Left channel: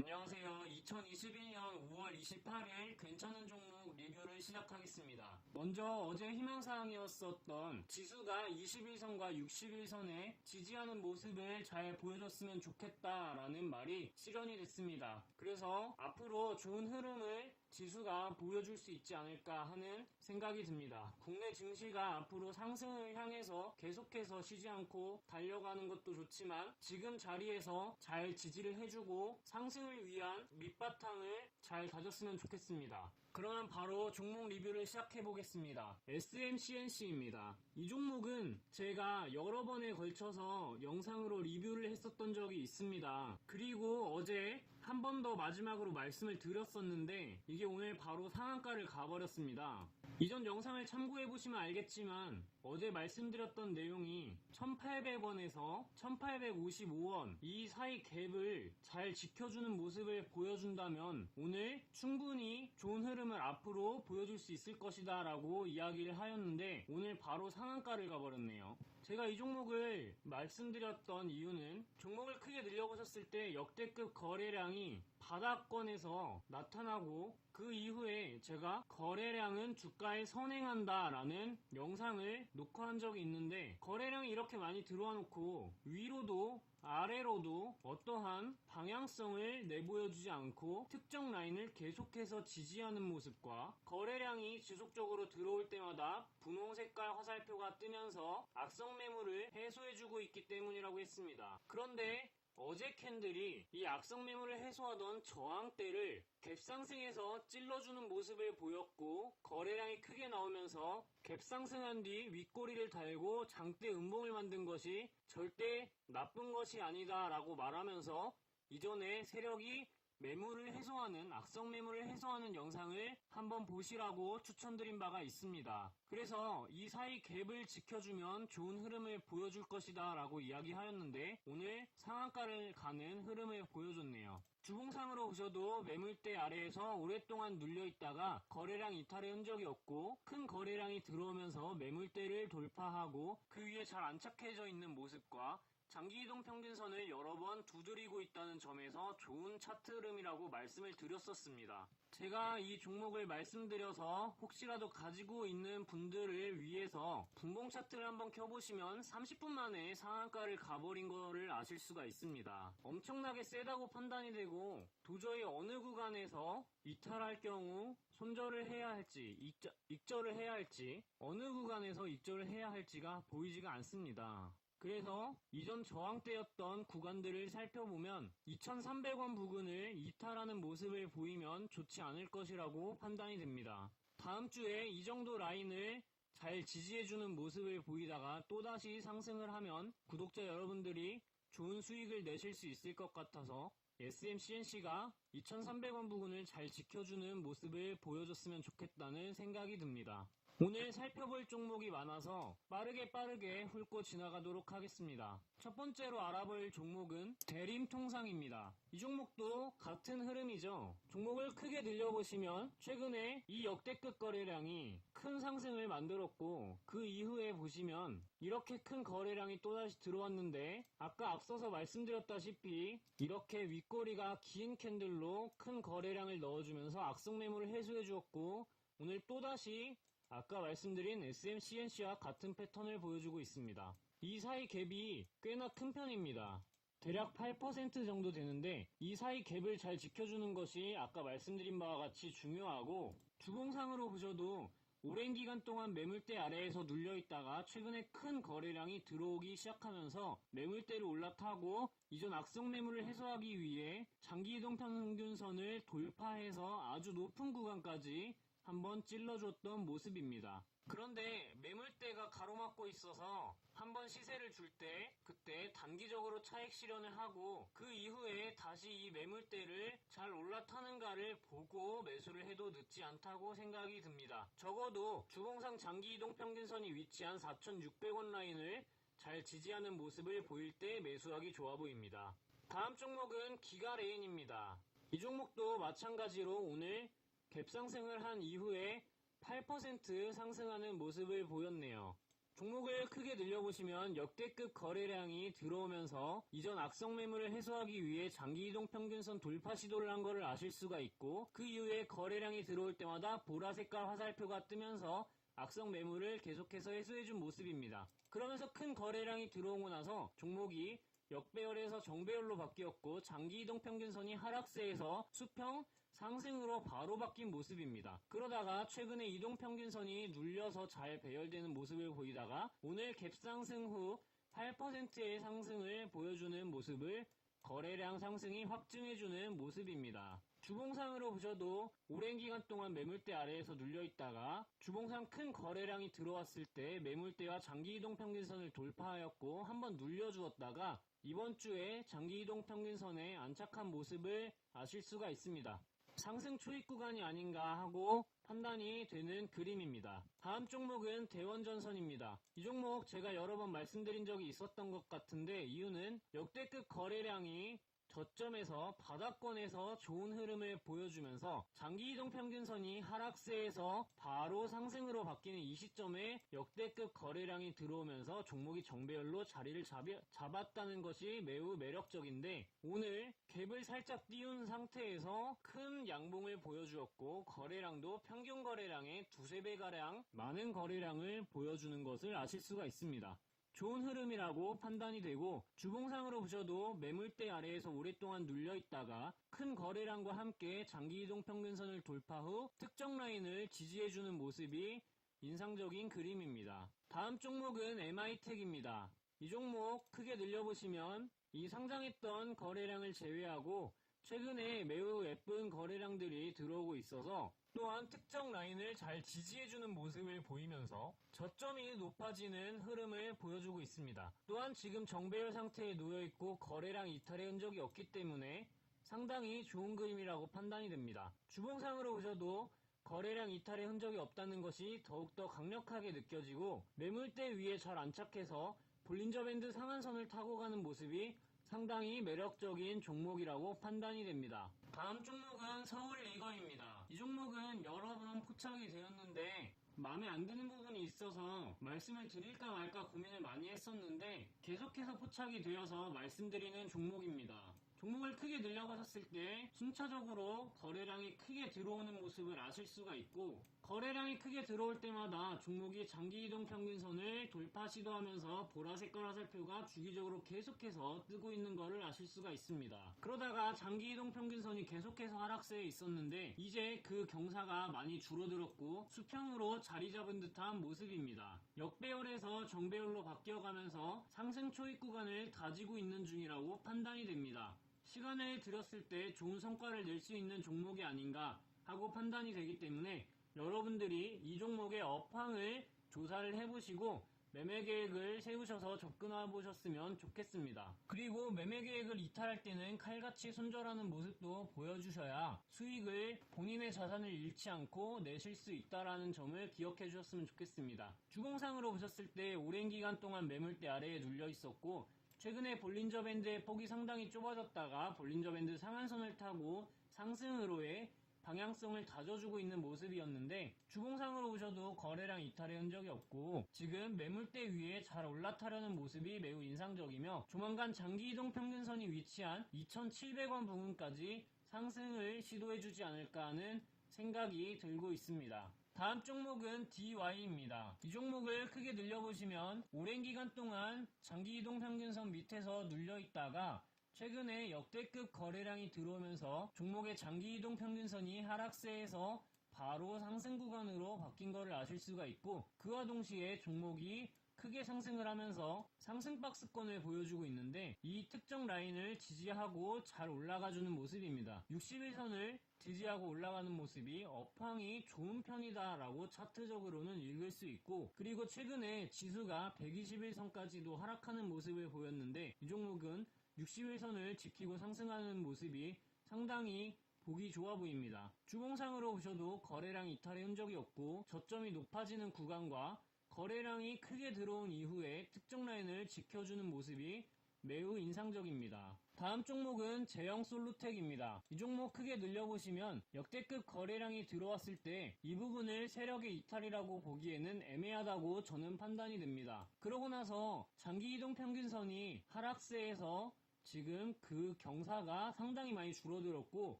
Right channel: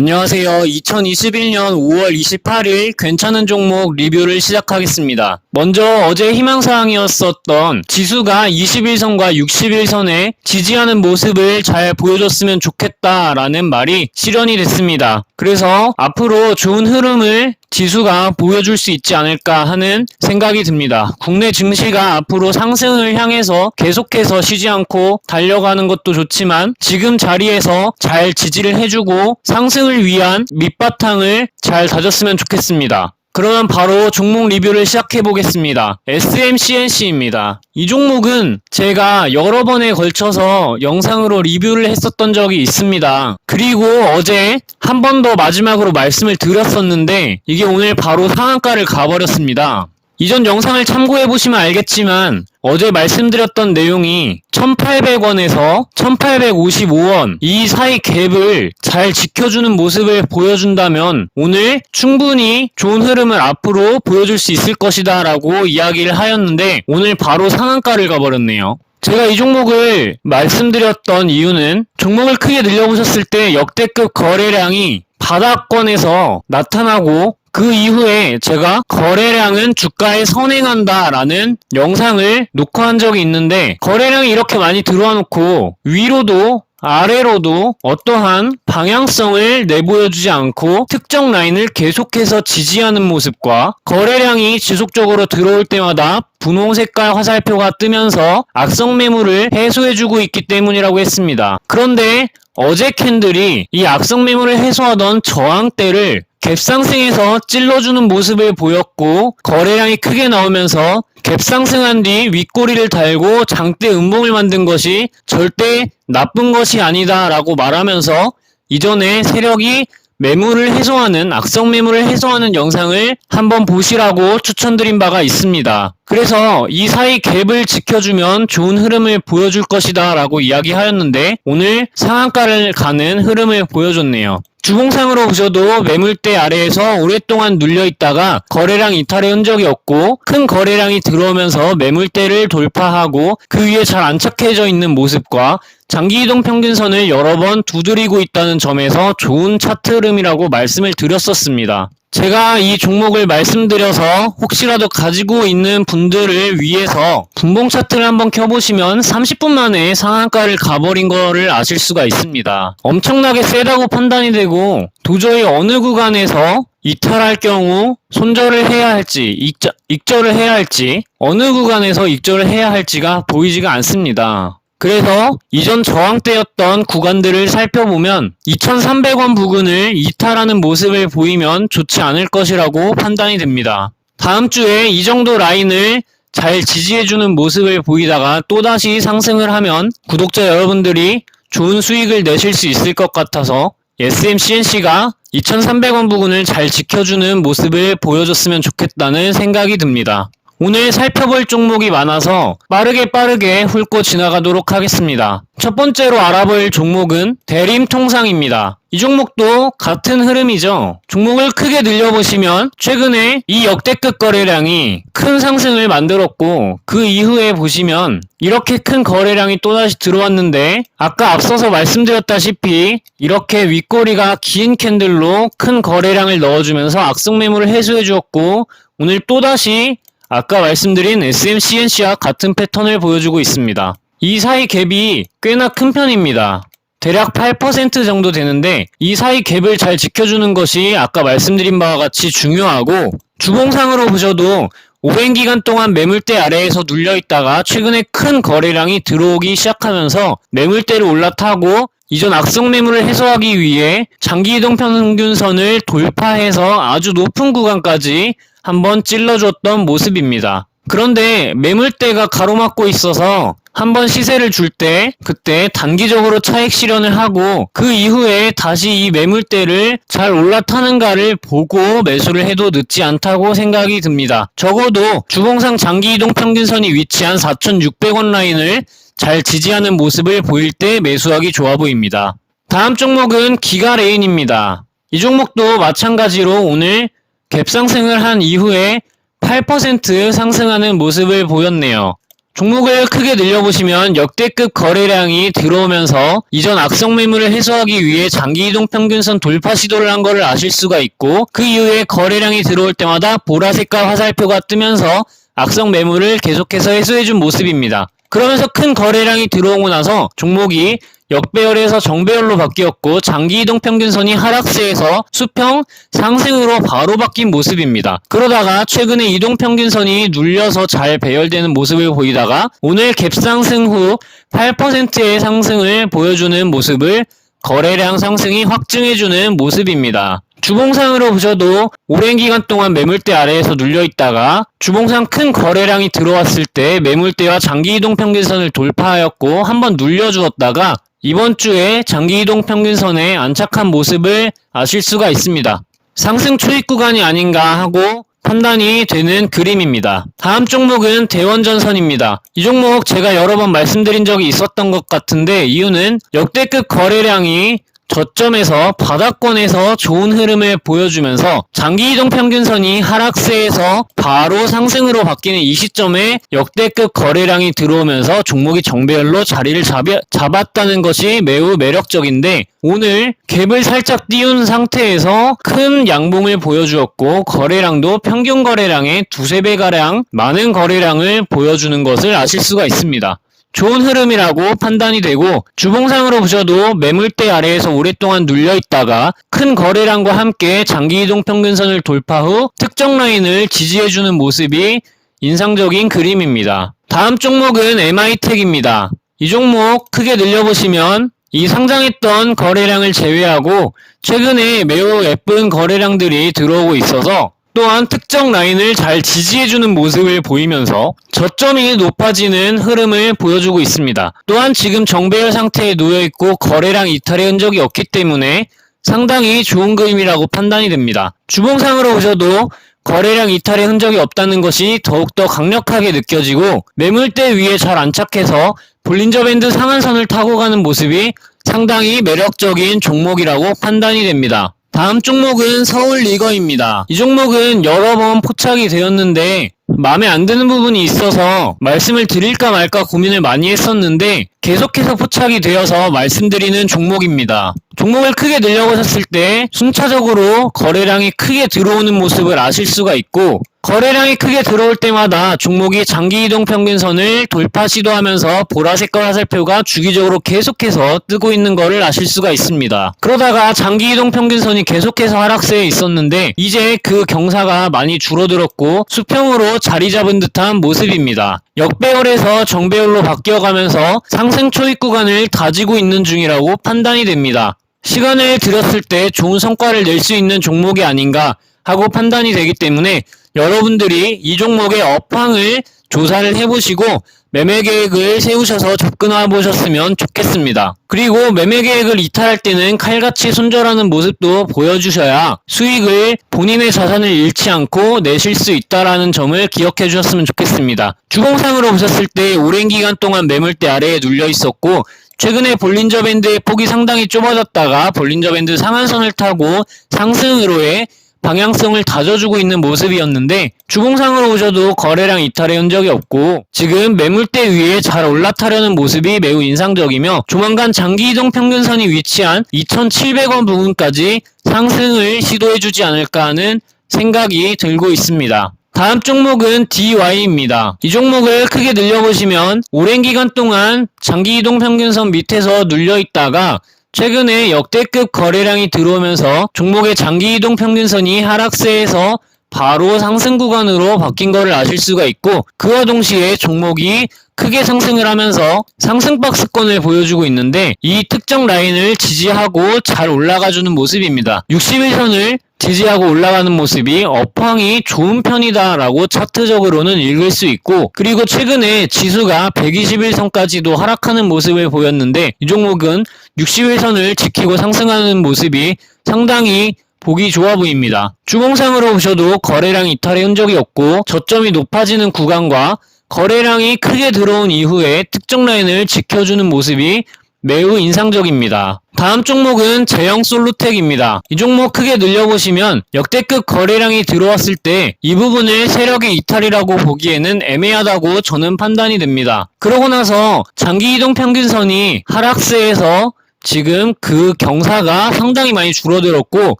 안녕하세요. 2021년 5월 28일 괜찮은 종목 리뷰를 시작하겠습니다. 먼저 어제 희망사항이었었던 지수가 21선과 61선에 지지하는 모습을 잘 보여줬으면 좋겠다라는 말이 실현이 됐습니다. 그래서 앞으로 좋은 흐름을 지수가 보여줄 수 있지 않을까 하는 생각이 듭니다. 국내 증시가 앞으로 상승을 향해서 계속해서 쉬지 않고 달려가는 것도 좋지만 지금 자리에서 잘 지지를 해주고 상승을 위한 밑바탕을 잘 다졌으면 좋겠습니다. 그러면 바로 종목 리뷰를 시작해 보겠습니다. SMCNC입니다. 이 종목은 제가 여러 번에 걸쳐서 영상으로 리뷰를 했었던 적이 있습니다. 그리고 어제 한 번 더 마지막으로 말씀을 드렸었는데 이게 오늘 바로 상한가를 가버렸습니다. 이전 영상을 참고해 보시면 알겠지만 어제 말씀드렸던 내용이 1,800원에서 1,855원 이 사이 갭을 잘 지켜주는 모습을 보여준다면 오늘 충분히 좋은 흐름을 앞으로 보여줄 수 있을 것이다 라고 이야기를 하였는데 오늘 바로 상한가를 가버렸네요. 제가 이 종목을 말씀드렸던 이유는 종목을 크게 늘려보셨을 때 역대급 거래량이 바닥권에서 나타나고 그 이후에 제가 거래량은 주가에 선행한다 라는 영상을 녹화한 적이 있는데 거래량이 이렇게 많이 들어와 놓고 위로도 아래로도 어떠한 방향성을 내보여주지 않고 특정 라인을 계속해서 지지하는 모습과 거래량이 지속적으로 들어올 때마다 분홍 색깔 화살표가 뜨면서 악성 매물을 해소해주고 있기 때문이라고 했습니다. 그런데 어제 캔들이 이 악성 매물을 해소하던 저항대를 갭상승에서 찔러주는 모습을 보였고 거래량이 크게 나오면서 갭상승한 뒤 윗꼬리를 달고 장대 음봉을 만든 것이 절대 나쁜 것이 아니다 라고 말하면서 이전에 세력이 매물을 해소하는 악성 매물을 해소하는 영상을 한번 보시라고 추천드린 바가 있습니다. 그래서 이 사이 갭을 지켜주면 좋은 흐름을 보여줄 것이다 라고 이야기하였는데 오늘 상한가를 가는 흐름을 보여줬네요. 주봉상으로 보셔도 매물대 아래에서 오랫동안 눌려있다가 거래량 이탈의 흔적이 없고 큰 거래량이 들어오면서 매물대를 돌파하고 그 위에 잘 안착해져 있는 모습과 장기이동 평균선을 여러 번 두드리고 있다는 점에서 좋은 차트 흐름이라고 말씀을 드렸었습니다. 제가 이 종목을 말씀드려서 혹시라도 가지고 있는 분들을 위해서 분봉 차트를 한번 켜보시면 30분 만에 상한가를 가버린 거를 아실 수가 있습니다. 엄청나게 세다고 판단이 되고 도저히 어느 구간에서 이탈할 경우 손절을 해야 할지 익절을 해야 할지 어느 구간에서 익절을 해야 할지가 보이지가 않습니다. 그래서 이전 저항대였던 구간들을 살펴보면 2,300원 부근을 이탈하는 모습을 보이면 좋지 않을 것이라고 판단이 됩니다. 다음 주에 이 정도 라인을 잘 지지해주는 모습을 보이다가 또다시 상승을 하면 구독자 여러분들이 좋은 수익을 내실 수 있을 것 같아서 SMCNC가 2,300원 부근을 잘 지켜주는 모습을 보여줬으면 좋겠다는 생각이 듭니다. 오늘 살펴볼 종목이 많아서 빠르게 훑고 지나가도록 하겠습니다. 첫 번째로 알아볼 종목은 대림통상입니다. 이 종목도 같은 흐름이죠. 종목을 크게 늘려보시면 최근에 이 역대급 거래량이 큰 상승을 만들었고 그 이후에 보시면 이렇게 큰 거래량이 또다시 들어왔는데 아까 앞서서 말씀드렸다시피 이렇게 윗꼬리가 긴 캔들로 큰 거래량을 넣어주면서 악성 매물을 해소해 주었고 오늘 또다시 아까 말씀드린 SMCNC와 같은 패턴을 보여주고 있습니다. 이 사이 갭이 꽤나 큰 편입니다. 대략 8% 정도 되는데 이 사이 갭을 잘 지켜주는 것이 아까 말씀드린 바와 같이 중요하고 주봉상으로 보셔도 오랜 기간 동안 매물대 아래에서 눌려있다가 최근에 큰 거래량이 들어오기 시작하면서 매물대를 올라타고 이전 악성 매물을 해소하기 위해 장기이동 평균선을 돌파해서 아주 높은 구간까지 한번 찔러줬던 모습입니다. 그런데 매물대가 가로막고 있어서 한번 시세를 줄 때 그때 단기적으로 차익 실현을 하고 그 이후에 다시 이 매물대를 잘 올라타는가를 보고 매수를 해도 늦지 않다고 생각이 듭니다. 적어도 주봉상 장기이동 평균선이 위치한 4,600원 라인을 잘 지지하는 모습을 보일 때 매수하기 좋아 보입니다. 다음 종목은 기가레인입니다. 이 종목도 마찬가지로 오늘 갭상승을 한 이후에 8% 상승하는 모습을 보였네요. 종목을 크게 늘려보시면 역대급 거래량이 들어오면서 이전 악성 매물을 해소하기 위해 장기이동 평균선 돌파 시도를 한 것을 아실 수가 있고, 그 이후에 거래량이 들어올 때마다 보라색깔 화살표가 뜨면서 악성 매물을 계속해서 해소해준 모습입니다. 그러면서 큰 거래량이 들어오고 나서 종목이 역배열에서 정배열로 바뀌었고 장기이동 평균선이 하락세에서 수평 상승으로 바로 바뀐 모습입니다. 그러다가 최근에 이동평균선이 눌려서 잘 배열되는 모습을 보이다가 오늘 갭상승 후 8%의 상승을 보여주는 모습을 거래량 상승이 확증해주는 모습입니다. 주봉상으로 보셔도 오랜 기간 동안 매물대 아래에서 눌려있다가 주봉상 큰 거래량이 들어왔을 때 매물대와 장기이동 평균선을 돌파하였고 한번 눌려주었다가 이번 주에 장기이동 평균선에 안착한 모습을 아실 수가 있습니다. 상승 초입 구간이 아닌가 하고 판단이 되는 그림입니다. 다음 종목은 대원전선입니다. 이 종목 제가 여러 번 말씀드린 적이 있었던 것 같은데, 이유는 역대급 거래량이 저점에서 바닥권에서 좋은 흐름을 보여주면서 장기이동 평균선이 하락세에서 바로 상승으로 바뀌는 이 시점에 역대급 거래량이 들어오면서 종목이 정배열로 자리를 잡았다는 것이 매우 매력적인데, 오늘 갭을 살짝 띄운 상태에서 큰 양봉을 보여주었고 거래량도 평균 거래량의 두세 배가량 많은 거래량을 보여주는 것을 아실 수가 있습니다. 좋은 흐름이라고 판단이 되고, 주봉상으로 보셔도 매물대 아래에서 오랫동안 눌려있다가 큰 거래량과 함께 장기이동 평균선을 돌파 후 특정 라인을 지지해주는 모습이 인상적인 그림입니다. 다음 종목은 MI텍입니다. 이 종목 크게 늘려보시면 이 상장했던 거래량을 제외하고 최근에 매우 예쁜 거래량들이 들어오고 있어서 또한 특정 라인을 잘 지지해주는 모습을 보이면서 저점이 높아지는 흐름을 보여주고 있습니다. 또한 지금 정배열 상태에 놓여있고 거래량 이탈의 흔적이 없기 때문에 상당히 좋은 그림이라고 판단이 됩니다. 주봉상으로 보셔도 거래량 이탈의 흔적이 없다는 것이 더욱더 강력하게 느껴지고 매물대 위에 잘 안착해서 볼린저 밴드 상한선을 타고 가는 모습이 상당히 매력적인 종목이라고 판단이 됩니다. 다음 종목은 서울리거입니다. 이 종목은 여러 번 포착이 되었는데 마음에 안 드는 부분이 있어서 말씀을 드릴까 말까 고민을 많이 했었는데 계속해서 포착이 되어서 말씀드리는 종목입니다. 종목을 크게 늘려보셨을 때 순차적으로 거래량이 크게 들어오는 모습을 아실 수가 있고, 거래량이 크게 들어올 때마다 종목이 장기이동 평균선을 돌파 시도하면서 보라색깔 화살표가 주기적으로 계속해서 뜨고 있는 것을 아실 수가 있습니다. 그러다가 장기이동 평균선이 계속해서 하락세에 있었는데 이제 그 경사가 많이 줄어들었고 수평으로 자리 잡은 듯한 모습입니다. 역배열에서 정배열로 바뀌어가면서 상승 초입 구간을 다지고 있는 중이라고 판단이 됩니다. 시간을 들였을 때 좋은 성과를 낼 수 있는 종목이 아닌가 하고 판단이 되기 때문에 여러분들이 이 종목의 업황을 조사를 해보시고 매매 계획을 세우셔서 접근해 보셨으면 좋겠습니다. 그리고 매매 계획을 이탈할 때는 칼같이 손절하는 모습도 보여주셔야 수익을 본인의 자산을 잃지 않고 내실 수 있다는 점을 기억해 주셨으면 좋겠습니다. 주봉상으로 보셨을 때 오랜 기간 동안 매물대 아래에 눌려 있었고 최근에 볼린저 밴드의 폭이 상당히 좁아졌다가 볼린저 밴드 상한선을 타고 상승으로의 방향성을 다져주고 있는 모습이었는데 주봉상으로 보셔도 거래량 이탈의 흔적이 없고 지금 매물대 위에 잘 올라타려는 모습이 매우 인상적이며 조만간 장기이동 평균선이 위치한 2,700원 부근까지 상승을 시도해주지 않을까 하는 생각이 들고 있습니다. 다음 종목은 DY입니다. 이 종목을 크게 늘려보시면 오랜 기간 동안 장기이동 평균선 밑에서 눌려있다가 최근에 역대급 거래량이 들어오면서 종목의 장기이동 평균선이 하락세에서 바로 상승 구간으로 바뀐 것을 아실 수가 있고 그와 동시에 종목이 크게 상승을 하면서 상승 박스권을 보여주고 있는데 이 특정 라인을 지지하고 잘 올라가주는 모습입니다. 61선을 지지하고 올라가는 모습이 업황이 좋은 편이다 라고 차트적으로는 읽을 수 있고 그리고 최근에 지수가 121선까지도 하락하는 모습을 보였는데 이 종목은 61선을 지키고 상승하는 모습이 상당히 보기 좋아 보입니다. 주봉상으로 보셔도 거래량 이탈의 흔적이 없고 저점이 높아지는 구간과 거래량이 크게 들어온 이후에 특정 라인을 지켜주는 모습이 매우 인상적입니다. 다음 종목은 제형 솔루텍입니다. 이 종목 크게 늘려보시면 역대급 거래량이 들어왔을 때 이 부분을 세력의 이탈이라고 보기에는 애매하다고 저는 판단이 됩니다. 그러고 나서 장기이동 평균선이 하락세에서 지금 그 경사가 상당히 많이 줄어들었고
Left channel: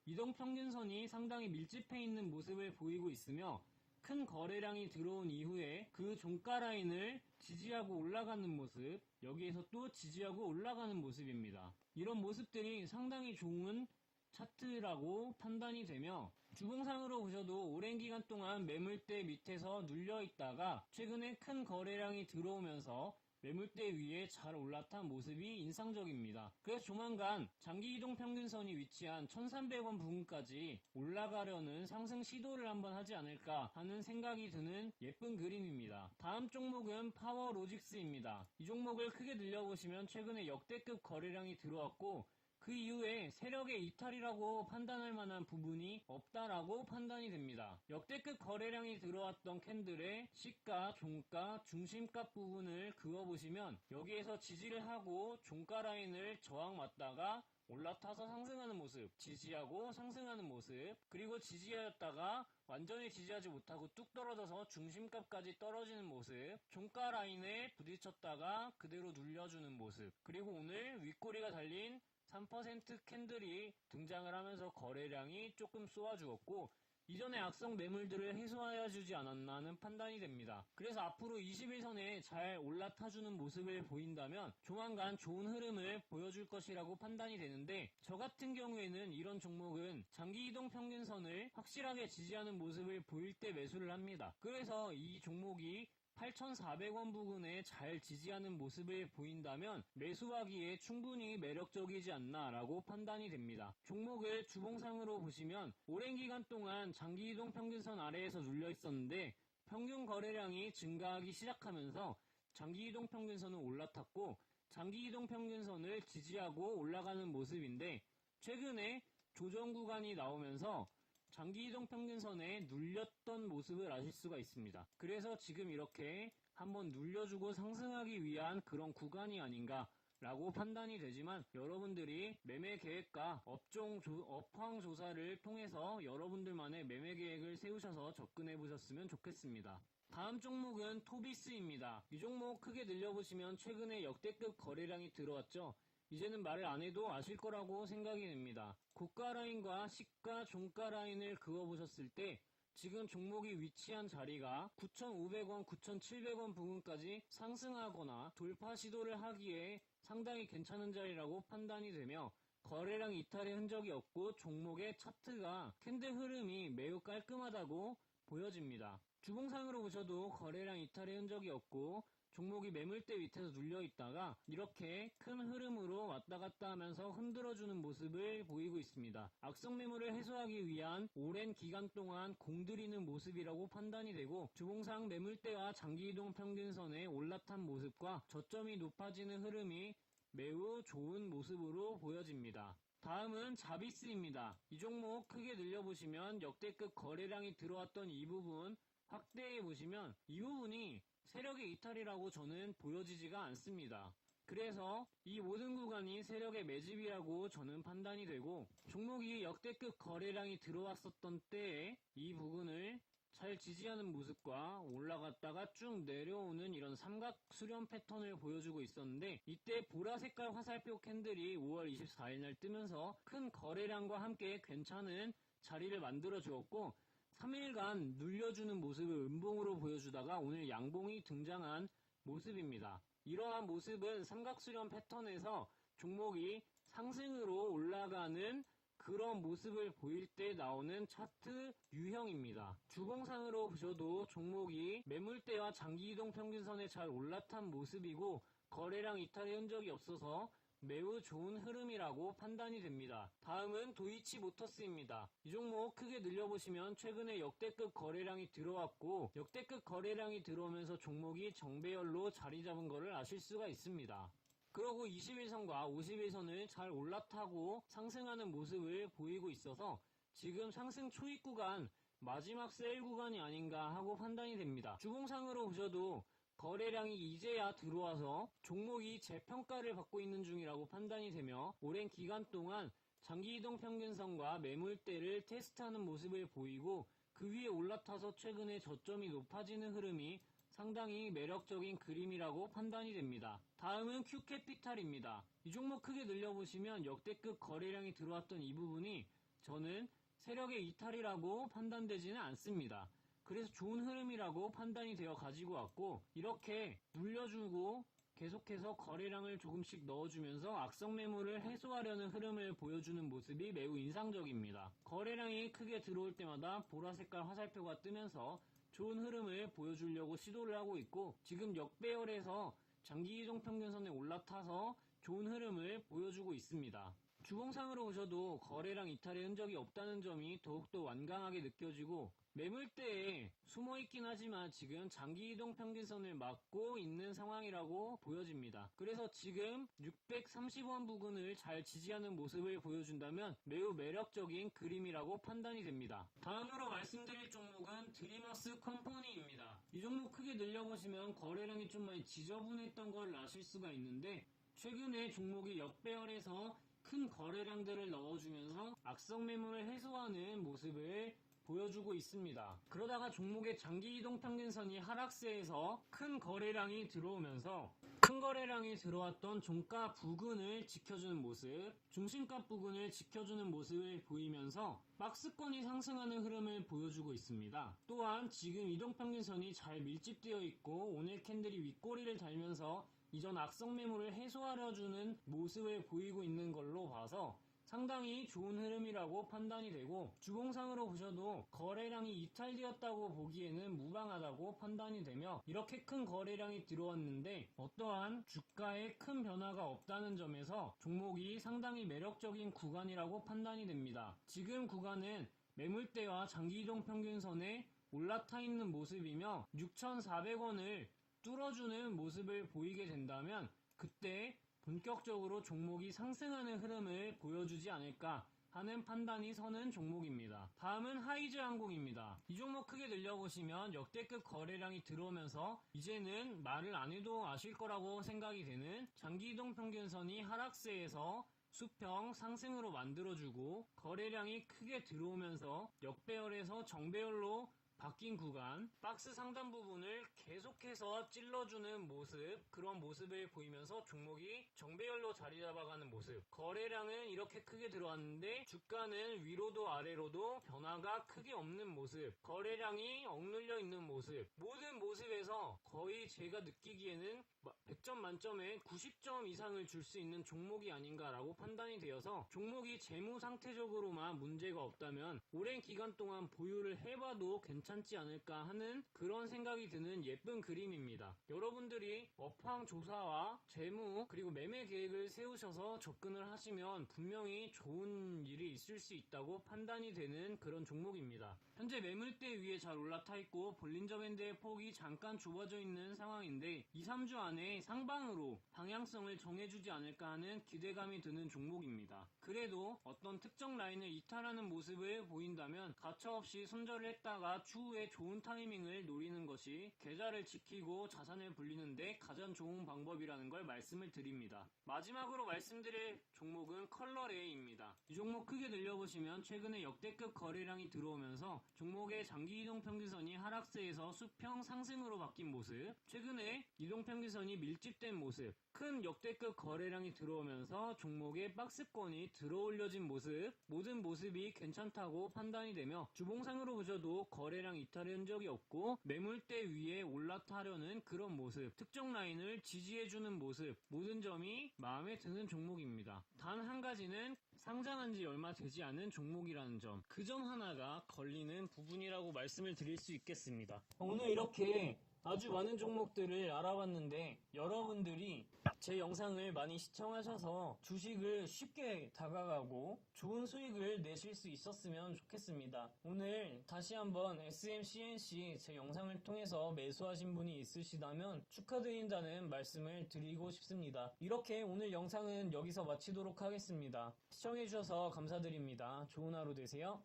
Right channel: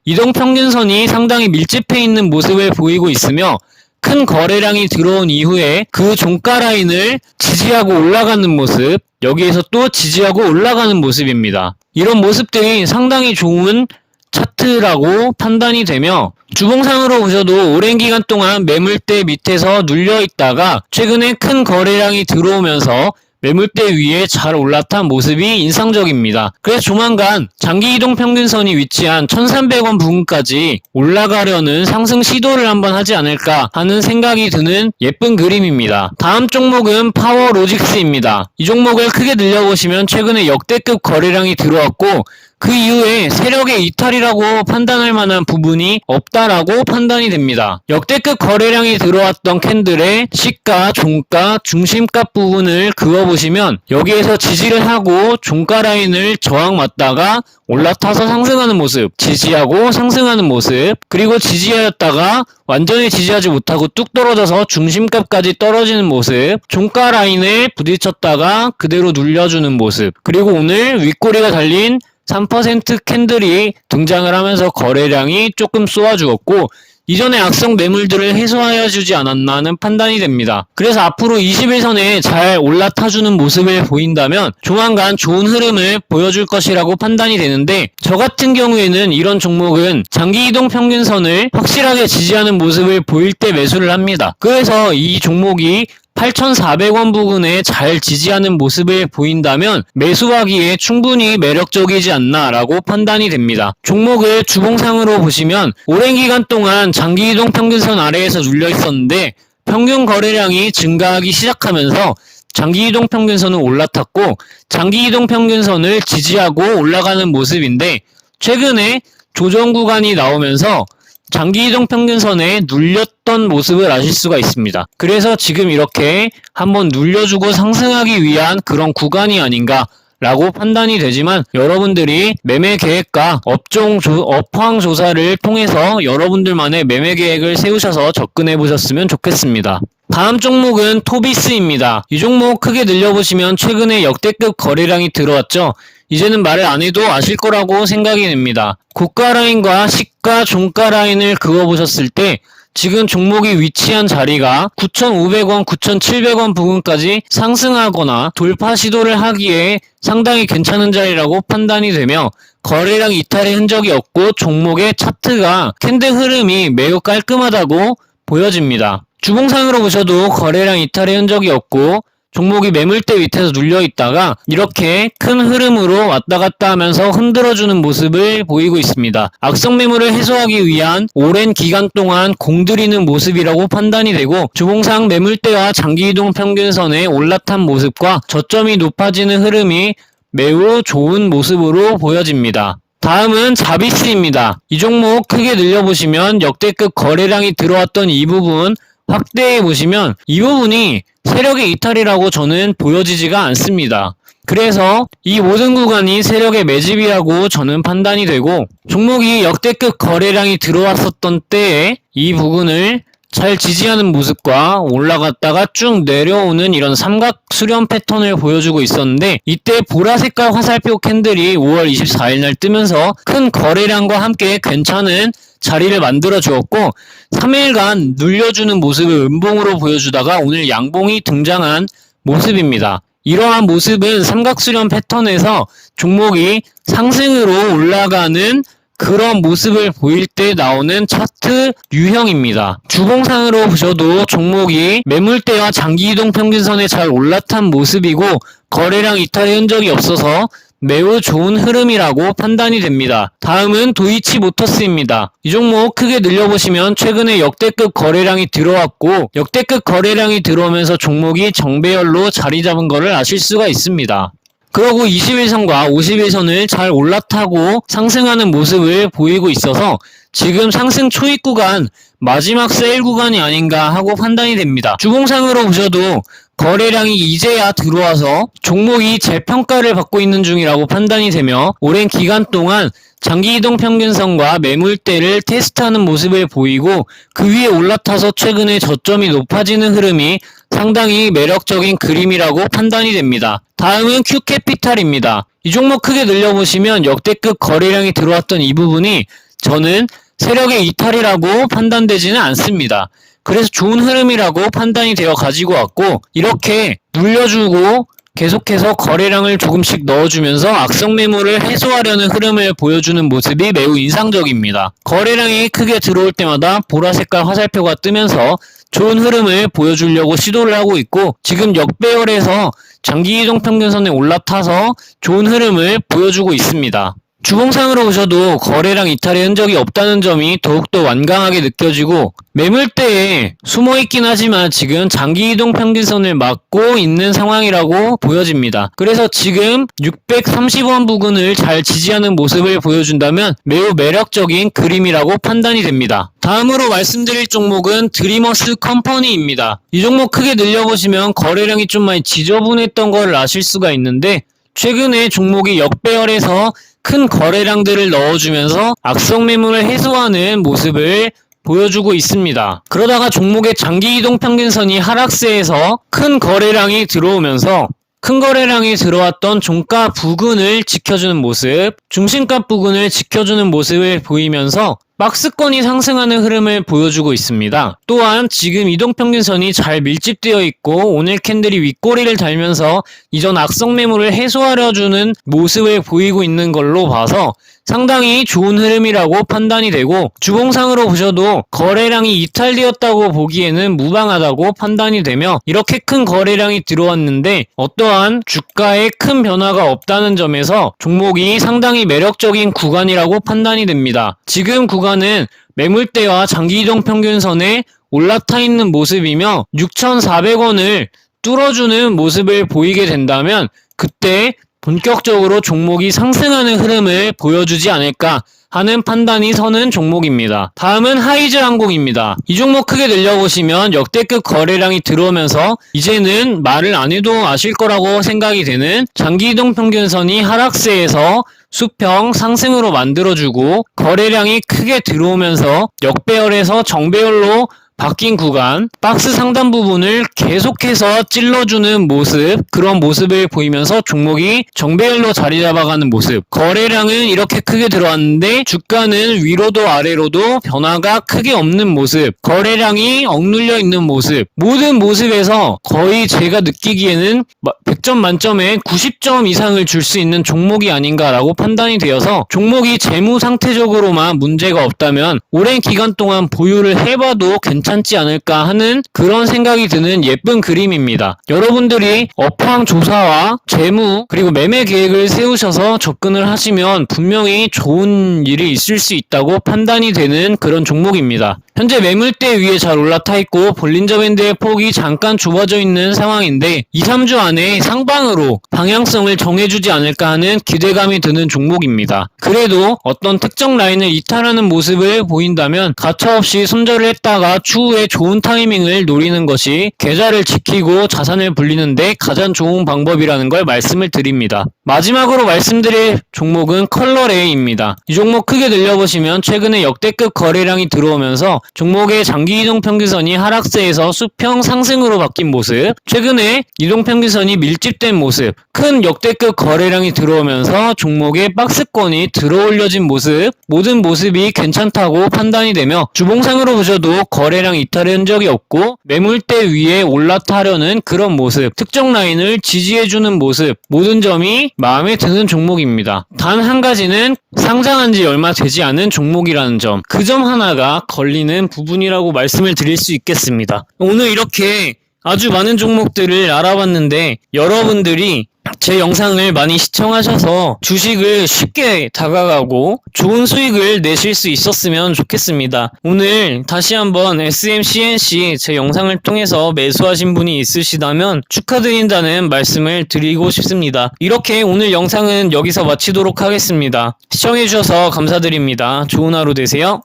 이동평균선이 상당히 밀집해 있는 모습을 보이고 있으며 큰 거래량이 들어온 이후에 그 종가 라인을 지지하고 올라가는 모습, 여기에서 또 지지하고 올라가는 모습입니다. 이런 모습들이 상당히 좋은 차트라고 판단이 되며 주봉상으로 보셔도 오랜 기간 동안 매물대 밑에서 눌려 있다가 최근에 큰 거래량이 들어오면서 매물대 위에 잘 올라탄 모습이 인상적입니다. 그래서 조만간 장기이동 평균선이 위치한 1300원 부근까지 올라가려는 상승 시도를 한번 하지 않을까 하는 생각이 드는 예쁜 그림입니다. 다음 종목은 파워로직스입니다. 이 종목을 크게 늘려보시면 최근에 역대급 거래량이 들어왔고 그 이후에 세력의 이탈이라고 판단할 만한 부분이 없다라고 판단이 됩니다. 역대급 거래량이 들어왔던 캔들의 시가, 종가, 중심값 부분을 그어보시면 여기에서 지지를 하고 종가 라인을 저항 맞다가 올라타서 상승하는 모습, 지지하고 상승하는 모습, 그리고 지지하였다가 완전히 지지하지 못하고 뚝 떨어져서 중심값까지 떨어지는 모습, 종가 라인에 부딪혔다가 그대로 눌려주는 모습, 그리고 오늘 윗꼬리가 달린 3% 캔들이 등장을 하면서 거래량이 조금 쏘아주었고 이전의 악성 매물들을 해소하여 주지 않았나 하는 판단이 됩니다. 그래서 앞으로 21선에 잘 올라타주는 모습을 보인다면 조만간 좋은 흐름을 보여줄 것이라고 판단이 되는데 저 같은 경우에는 이런 종목은 장기이동 평균선을 확실하게 지지하는 모습을 보일 때 매수를 합니다. 그래서 이 종목이 8,400원 부근에 잘 지지하는 모습을 보인다면 매수하기에 충분히 매력적이지 않나 라고 판단이 됩니다. 종목을 주봉상으로 보시면 오랜 기간 동안 장기이동 평균선 아래에서 눌려 있었는데 평균 거래량이 증가하기 시작하면서 장기이동 평균선은 올라탔고 장기이동 평균선을 지지하고 올라가는 모습인데 최근에 조정 구간이 나오면서 장기이동 평균선에 눌렸던 모습을 아실 수가 있습니다. 그래서 지금 이렇게 한번 눌려주고 상승하기 위한 그런 구간이 아닌가 라고 판단이 되지만 여러분들이 매매 계획과 업황 조사를 통해서 여러분들만의 매매 계획을 세우셔서 접근해 보셨으면 좋겠습니다. 다음 종목은 토비스입니다. 이 종목 크게 늘려보시면 최근에 역대급 거래량이 들어왔죠. 이제는 말을 안 해도 아실 거라고 생각이 됩니다. 고가 라인과 시가 종가 라인을 그어보셨을 때 지금 종목이 위치한 자리가 9,500원, 9,700원 부근까지 상승하거나 돌파 시도를 하기에 상당히 괜찮은 자리라고 판단이 되며 거래량 이탈의 흔적이 없고 종목의 차트가 캔들 흐름이 매우 깔끔하다고 보여집니다. 주봉상으로 보셔도 거래량 이탈의 흔적이 없고 종목이 매물대 밑에서 눌려있다가 이렇게 큰 흐름으로 왔다 갔다 하면서 흔들어주는 모습을 보이고 있습니다. 악성 매물을 해소하기 위한 오랜 기간 동안 공들이는 모습이라고 판단이 되고 주봉상 매물대와 장기이동 평균선에 올라탄 모습과 저점이 높아지는 흐름이 매우 좋은 모습으로 보여집니다. 다음은 자비스입니다. 이 종목 크게 늘려보시면 역대급 거래량이 들어왔던 이 부분 확대해 보시면 이 부분이 세력의 이탈이라고 저는 보여지지가 않습니다. 그래서 이 모든 구간이 세력의 매집이라고 저는 판단이 되고 종목이 역대급 거래량이 들어왔었던 때에 이 부분을 잘 지지하는 모습과 올라갔다가 쭉 내려오는 이런 삼각 수렴 패턴을 보여주고 있었는데 이때 보라색깔 화살표 캔들이 5월 24일 날 뜨면서 큰 거래량과 함께 괜찮은 자리를 만들어 주었고 3일간 눌려주는 모습을 음봉으로 보여주다가 오늘 양봉이 등장한 모습입니다. 이러한 모습은 삼각수렴 패턴에서 종목이 상승으로 올라가는 그런 모습을 보일 때 나오는 차트 유형입니다. 주봉상으로 보셔도 종목이 매물대와 장기이동 평균선에 잘 올라탄 모습이고 거래량 이탈의 흔적이 없어서 매우 좋은 흐름이라고 판단이 됩니다. 다음은 도이치모터스입니다. 이 종목 크게 늘려보시면 최근에 역대급 거래량이 들어왔고 역대급 거래량이 들어오면서 종목이 정배열로 자리 잡은 것을 아실 수가 있습니다. 그러고 21선과 51선을 잘 올라타고 상승하는 모습을 보이고 있어서 지금 상승 초입 구간 마지막 세일 구간이 아닌가 하고 판단이 됩니다. 주봉상으로 보셔도 거래량이 이제야 들어와서 종목이 재평가를 받고 있는 중이라고 판단이 되며 오랜 기간 동안 장기 이동 평균선과 매물대를 테스트하는 모습을 보이고 그 위에 올라타서 최근에 저점이 높아지는 흐름이 상당히 매력적인 그림이라고 판단이 됩니다. 다음은 Q캐피탈입니다. 이 종목 크게 늘려보시면 역대급 거래량이 들어왔던 이 부분이 저는 세력의 이탈이라고 판단되지는 않습니다. 그래서 좋은 흐름이라고 판단이 되어 가지고 왔고 이렇게 물려주고 계속해서 거래량을 조금씩 넣어주면서 악성 매물을 해소하려는 흐름을 보여주는 모습이 매우 인상적입니다. 거래량이 크게 들어올 때마다 보라색깔 화살표가 뜨면서 좋은 흐름을 보여주려고 시도를 하고 있고 지금 역배열에서 장기 이동 평균선에 올라타서 좋은 흐름을 보여주고 있습니다. 주봉상으로 보셔도 거래량 이탈의 흔적이 없다는 점이 더욱더 완강하게 느껴지고 매물대에 숨어있긴 하지만 지금 장기 이동 평균선을 막고 있는 상황이라고 보여집니다. 그래서 지금 630원 부근을 잘 지지하는 모습을 보여준다면 매우 매력적인 그림이라고 판단이 됩니다. 다음으로 말씀드릴 종목은 드리머스 컴퍼니입니다. 이 종목 크게 늘려보시면 거래량이 좀 많이 지저분했던 걸 아실 수가 있는데 최근에 종목이 역배열에서 큰 거래량들을 넣어주면서 악성 매물을 해소하는 모습을 보여주고 있습니다. 그러다가 종목의 장기 이동 평균선이 하락세에서 큰 거래량이 들어오면서 큰 거래량이 들어왔던 종가 부근을 지켜주는 모습, 중심가 부근을 지켜주는 모습을 보이면서 박스권이 상승하는 흐름을 보여주고 있습니다. 또한 지금 이동평균선이 잘 밀집되어 있고 오늘 캔들이 윗꼬리를 달면서 이전 악성 매물을 해소하려주는 모습을 보이고 있는 걸로 봐서 상당히 좋은 흐름이라고 판단이 되고 주봉상으로 보셔도 거래량이 이탈되었다고 보기에는 무방하다고 판단이 되며 이렇게 큰 거래량이 들어왔는데 어떠한 주가에 큰 변화가 없다는 점에서 종목이 상당히 매력적인 구간이라고 판단이 됩니다. 지금 구간은 매물대와 장기 이동 평균선에 올라타 있는 모습이며 6,400원을 뚫어주는 모습을 보이게 된다면 그때 본격적으로 종목이 상승하는 흐름을 보여주지 않을까 하는 판단이 서는 종목입니다. 다음은 하이즈항공입니다. 이 종목 크게 늘려보시면 역대급 거래량이 들어오면서 이제는 말을 안 해도 아실 거라고 생각이 되는 장기 이동 평균선이 하락세에서 수평 상승으로 만들어주고 거래량이 크게 들어오면서 역배열에서 정배열로 바뀐 구간, 박스 상단 부분을 계속해서 찔러주는 모습, 그런 모습을 보이면서 종목이 정배열로 자리 잡아가는 모습. 거래량은 이렇게 크게 들어왔는데 주가는 위로도 아래로도 변화가 크게 없는 모습, 거래량이 억눌려 있는 모습. 모든 모습에서 거의 제가 느끼기에는 100점 만점에 90점 이상을 줄 수 있는 종목이 아닌가라고 판단이 되어서 종목이 재무 상태적으로만 문제가 없다면 오랜 기간 동안 보유를 해봐도 괜찮지 않을까 하는 그런 생각이 드는 예쁜 그림입니다. 여러분들이 업황 조사와 재무 그리고 매매 계획을 세우셔서 접근을 하시면 분명히 좋은 일이 있을 수 있다고 판단이 되는 그런 종목입니다. 현재 매물대 위에 잘 올라타 있고 볼린저 밴드의 폭이 잠깐 좁아져 있는 상황인데 2-3주 안에 상방으로 방향성을 정해주지 않을까 하는 기대감이 드는 종목입니다. 그래도 어떤 특정 라인을 이탈하는 모습을 보인다면 가차없이 손절을 했다가 추후에 좋은 타이밍을 노리는 것이 계좌를 지키고 자산을 불리는데 가장 좋은 방법이라는 걸 말씀을 드립니다. 마지막으로 말씀드릴 종목은 컬러레이입니다. 이 종목 크게 늘려보시면 최근에 역대급 거래량이 들어오면서 종목의 장기 이동평균선이 하락세에서 수평 상승으로 바뀐 모습, 최근에 이동평균선이 밀집된 모습, 큰 역대급 거래량이 들어오면서 종목의 박스권이 들어올려진 모습, 모든 모습이 괜찮다고 판단이 되며 주봉상으로 보셔도 거래량 이탈의 흔적이 없고 매물대 위에 올라타려는 그런 모습, 특정 라인을 지지해주는 모습, 모든 점이 마음에 드는 종목입니다. 단 한 가지는 상장한 지 얼마 되지 않은 종목이라는 점, 그 점 하나가 걸리는 부분이라고 말씀을 드릴 수 있겠습니다. 오늘 이렇게 아주 많은 종목들을 알아봤는데 여러분들이 제 영상을 많이 시청하셔서 주식을 쉽게 다가가고 좋은 수익을 내실 수 있었으면 좋겠습니다. 오늘 다시 한번 SMCNC 제 영상을 통해서 매수하신 분이 있으시다면 축하드린다는 말씀을 드리고 싶습니다. 이렇게 오늘 영상은 여기서 마치도록 하겠습니다. 시청해주셔서 감사드립니다. 좋은 하루 되세요.